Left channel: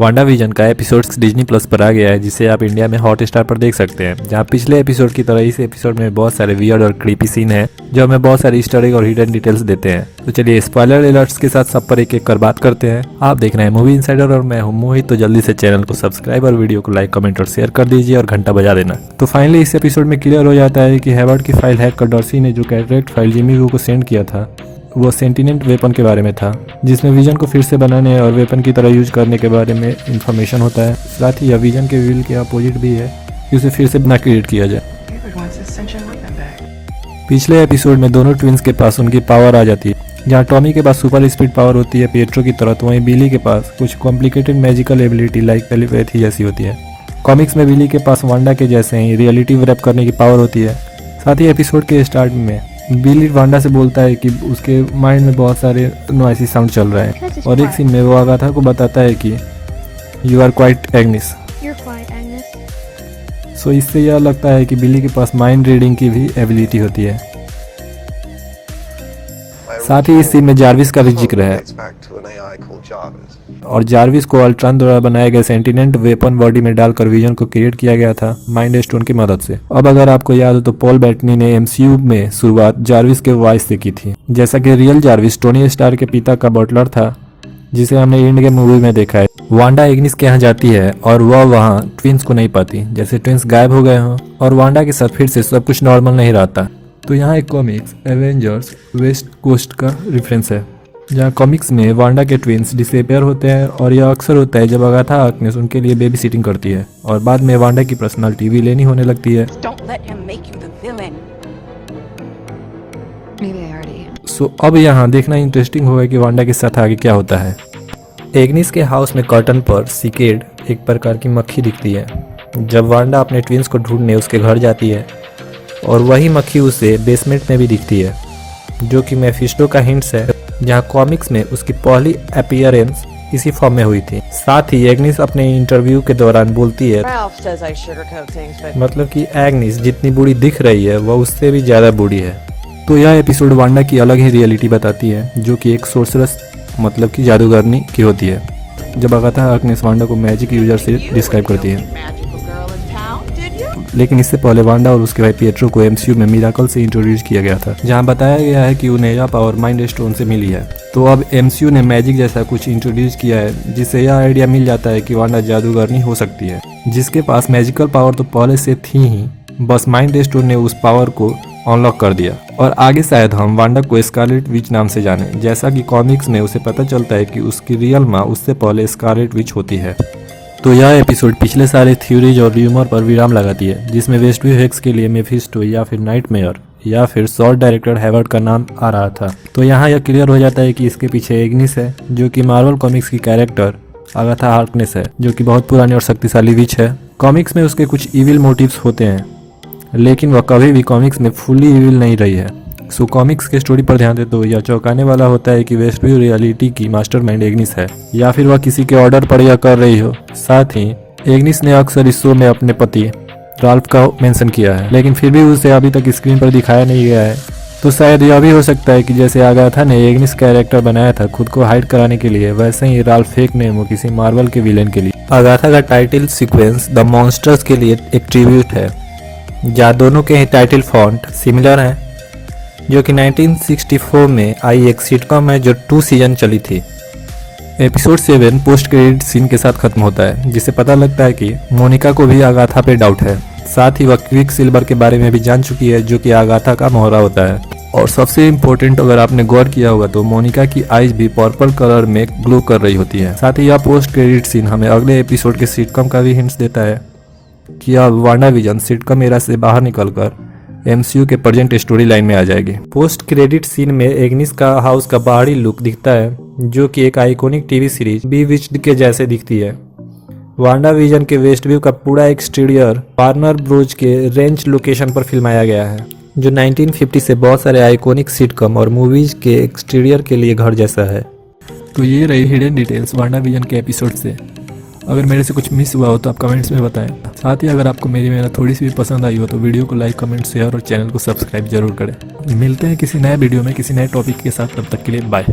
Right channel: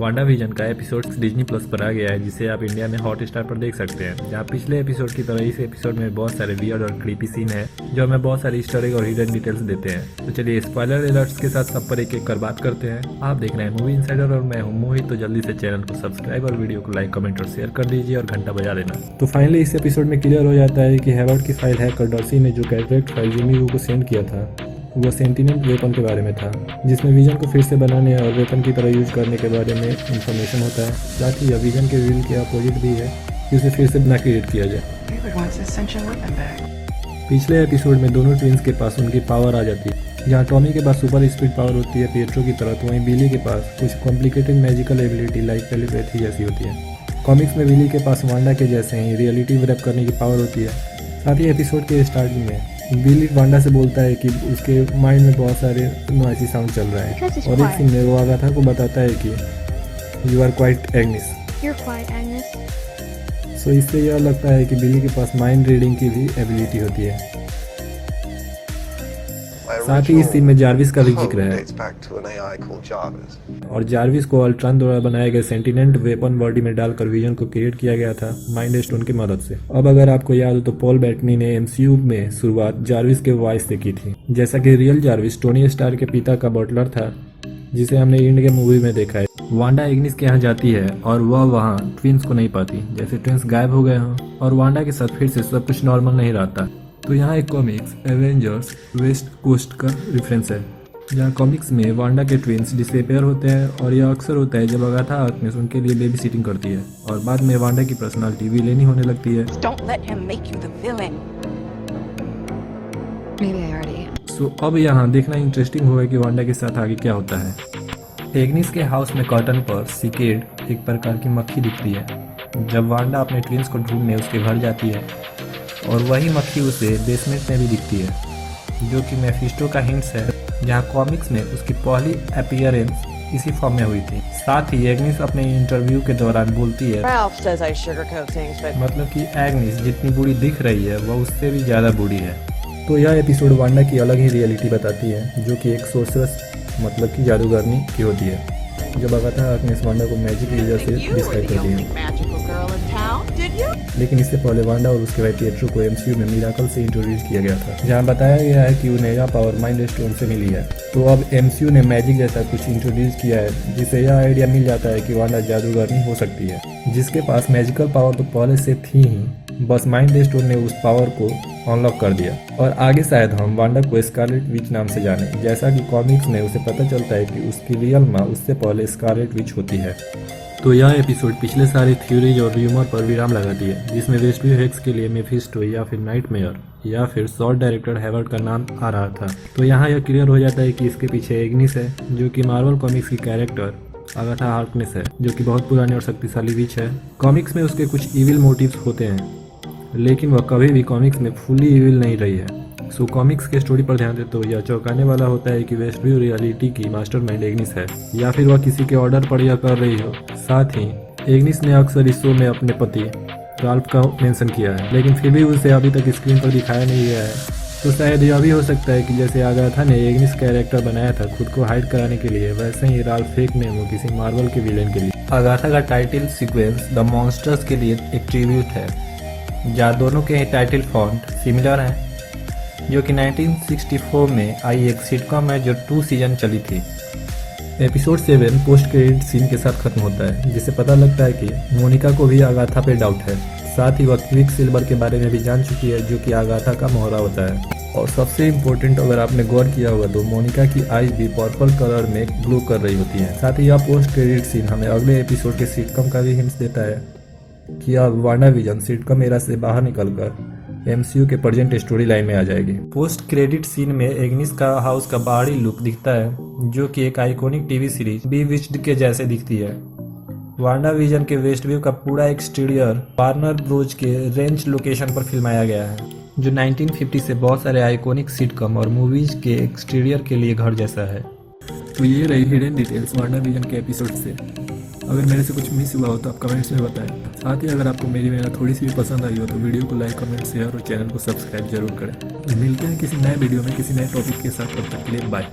Wanda vision का episodes Disney plus पर आ गया है, जिसे आप इंडिया में हॉट स्टार पर देख सकते हैं। जहां पिछले एपिसोड की तरह इस एपिसोड में बहुत सारे वियर्ड और क्रीपी सीन है जो हमें बहुत सारे ईस्टर एग और हिडन डिटेल्स देते हैं। तो चलिए स्पॉइलर अलर्ट्स के साथ सब पर एक एक कर बात करते हैं। आप देख रहे हैं मूवी इनसाइडर और मैं हूं मोहित। तो जल्दी से चैनल को सब्सक्राइब और वीडियो को लाइक, कमेंट और शेयर कर दीजिए और घंटा बजा देना। तो फाइनली इस एपिसोड में क्लियर हो जाता है कि हेवर्ड की फाइल हैक कर डॉर्सी ने जो कैटरेक्ट फाइल जिमी वू को सेंड किया था वो सेंटिनेंट वेपन के बारे में था, जिसमें विजन को फिर से बनाने और वेपन की तरह यूज करने के बारे में इंफॉर्मेशन होता है। साथ ही यह विजन के विल के अपोजिट भी है, जिसे फिर से बना क्रिएट किया जाए। पिछले एपिसोड में दोनों ट्विंस के पास उनकी पावर आ जाती है। जहाँ टॉमी के पास सुपर स्पीड पावर होती है पिएट्रो की तरह, तो वहीं बिली के पास कुछ complicated magical ability like telepathy जैसी होती है। कॉमिक्स में बिली के पास वांडा के जैसे ही रियलिटी रैप करने की पावर होती है। साथ ही एपिसोड के स्टार्ट में बिली वांडा से बोलता है कि उसके माइंड में बहुत सारे नॉइसी साउंड चल रहा है और एक सीन में वो आगाथा को बताता है कि यू आर क्वाइट एग्निस। सो इससे यह लगता है कि बिली के पास माइंड रीडिंग की भी एबिलिटी होती है। साथ ही इस सीन में जार्विस का भी जिक्र है और जार्विस को अल्ट्रॉन द्वारा बनाए गए सेंटिनेंट वेपन बॉडी में डालकर विजन को क्रिएट किया गया था माइंड स्टोन की मदद से। अब अगर आपको याद हो तो पॉल बेटनी ने एमसीयू में शुरुआत जार्विस के वॉइस से की थी, जैसा कि रियल जार्विस टोनी स्टार के पिता का बटलर था, जिसे हमने एंड गेम मूवी में देखा है। वांडा एग्निस के यहाँ जाती है और वह वहाँ ट्विंस को नहीं पाती, जैसे ट्विंस गायब हो गए हों और वांडा के साथ फिर से सब कुछ नॉर्मल नहीं रहता। तो यहाँ एक कॉमिक्स एवेंजर्स वेस्ट कोस्ट का रेफरेंस है, जहाँ कॉमिक्स में वांडा के ट्विंस डिसअपियर होते हैं और यह अक्सर होता है जब अगाथा हार्कनेस उनके लिए बेबी सिटिंग करती है और बाद में वांडा की पर्सनालिटी भी लेनी होने लगती है। सो अब यहाँ देखना इंटरेस्टिंग होगा कि वांडा के साथ आगे क्या होता है। एग्निस के हाउस में कर्टन पर सिकेड एक प्रकार की मक्खी दिखती है जब वांडा अपने ट्विंस को ढूंढने उसके घर जाती है, और वही मक्खी उसे बेसमेंट में भी दिखती है, जो कि मेफिस्टो का हिंट्स है, जहाँ कॉमिक्स में उसकी पहली अपीयरेंस इसी फॉर्म में हुई थी। साथ ही एग्निस अपने इंटरव्यू के दौरान बोलती है, मतलब कि एग्निस जितनी बूढ़ी दिख रही है वह उससे भी ज्यादा बूढ़ी है। तो यह एपिसोड वांडा की अलग ही रियलिटी बताती है, जो कि एक सोर्सरस मतलब कि जादूगरनी की होती है, जब अगाथा हार्कनेस वांडा को मैजिक यूजर से डिस्क्राइब करती है। लेकिन इससे पहले वांडा और उसके भाई पिएट्रो को एमसीयू में मिराकल से इंट्रोड्यूस किया गया था, जहां बताया गया है कि उन्हें यह पावर माइंड स्टोन से मिली है। तो अब एमसीयू ने मैजिक जैसा कुछ इंट्रोड्यूस किया है, जिससे यह आइडिया मिल जाता है कि वांडा जादूगरनी हो सकती है, जिसके पास मैजिकल पावर तो पहले से थी ही, बस माइंड स्टोन ने उस पावर को अनलॉक कर दिया। और आगे शायद हम वांडा को स्कारलेट विच नाम से जाने, जैसा कि कॉमिक्स में उसे पता चलता है कि उसकी रियल माँ उससे पहले स्कारलेट विच होती है। तो यह एपिसोड पिछले सारे थ्योरीज और र्यूमर पर विराम लगाती है, जिसमें वेस्टव्यू हेक्स के लिए मेफिस्टो या फिर नाइटमेयर या फिर शॉर्ट डायरेक्टर हेवर्ड का नाम आ रहा था। तो यहाँ यह क्लियर हो जाता है कि इसके पीछे एग्निस है, जो कि मार्वल कॉमिक्स की कैरेक्टर अगाथा हार्कनेस है, जो कि बहुत पुरानी और शक्तिशाली विच है। कॉमिक्स में उसके कुछ इविल मोटिव्स होते हैं, लेकिन वह कभी भी कॉमिक्स में फुल्ली इविल नहीं रही है। सो कॉमिक्स के स्टोरी पर ध्यान दे तो यह चौंकाने वाला होता है कि वेस्टव्यू रियलिटी की मास्टरमाइंड एग्निस है, या फिर वह किसी के ऑर्डर पर यह कर रही हो। साथ ही एग्निस ने अक्सर इस शो में अपने पति राल्फ का मेंशन किया है, लेकिन फिर भी उसे अभी तक स्क्रीन पर दिखाया नहीं गया है। तो शायद यह भी हो सकता है कि जैसे आगाथा ने एग्निस कैरेक्टर बनाया था खुद को हाइड कराने के लिए, वैसे ही राल्फ फेक ने वो किसी मार्वल के विलेन के लिए। आगाथा का टाइटल सीक्वेंस द मॉन्स्टर्स के लिए एक ट्रिब्यूट है, जहाँ दोनों के टाइटल फॉन्ट सिमिलर हैं, जो कि 1964 में आई एक सिटकॉम है जो 2 सीजन चली थी। एपिसोड 7 पोस्ट क्रेडिट सीन के साथ खत्म होता है, जिससे पता लगता है कि मोनिका को भी आगाथा पे डाउट है। साथ ही वह क्विक सिल्वर के बारे में भी जान चुकी है, जो कि आगाथा का मोहरा होता है। और सबसे इम्पोर्टेंट, अगर आपने गौर किया होगा तो मोनिका की आईज भी पर्पल कलर में ग्लो कर रही होती है। साथ ही यह पोस्ट क्रेडिट सीन हमें अगले एपिसोड के सिटकॉम का भी हिंट्स देता है कि अब वांडा विजन सिटकॉम एरा से बाहर निकलकर एमसीयू के प्रेजेंट स्टोरी लाइन में आ जाएगी। पोस्ट क्रेडिट सीन में एग्निस का हाउस का बाहरी लुक दिखता है, जो कि एक आइकॉनिक टीवी सीरीज बीविच्ड के जैसे दिखती है। वांडा विजन के वेस्टव्यू का पूरा एक्सटीरियर वार्नर ब्रोज के रेंज लोकेशन पर फिल्माया गया है, जो 1950 से बहुत सारे आइकॉनिक सिटकॉम और मूवीज के एक्सटीरियर के लिए घर जैसा है। तो ये रही हिडन डिटेल्स वांडा विजन के एपिसोड से। अगर मेरे से कुछ मिस हुआ हो तो आप कमेंट्स में बताएं। साथ ही अगर आपको मेरी मेहनत थोड़ी सी भी पसंद आई हो तो वीडियो को लाइक, कमेंट, शेयर और चैनल को सब्सक्राइब जरूर करें। मिलते हैं किसी नए वीडियो में किसी नए टॉपिक के साथ, तब तक के लिए बाय।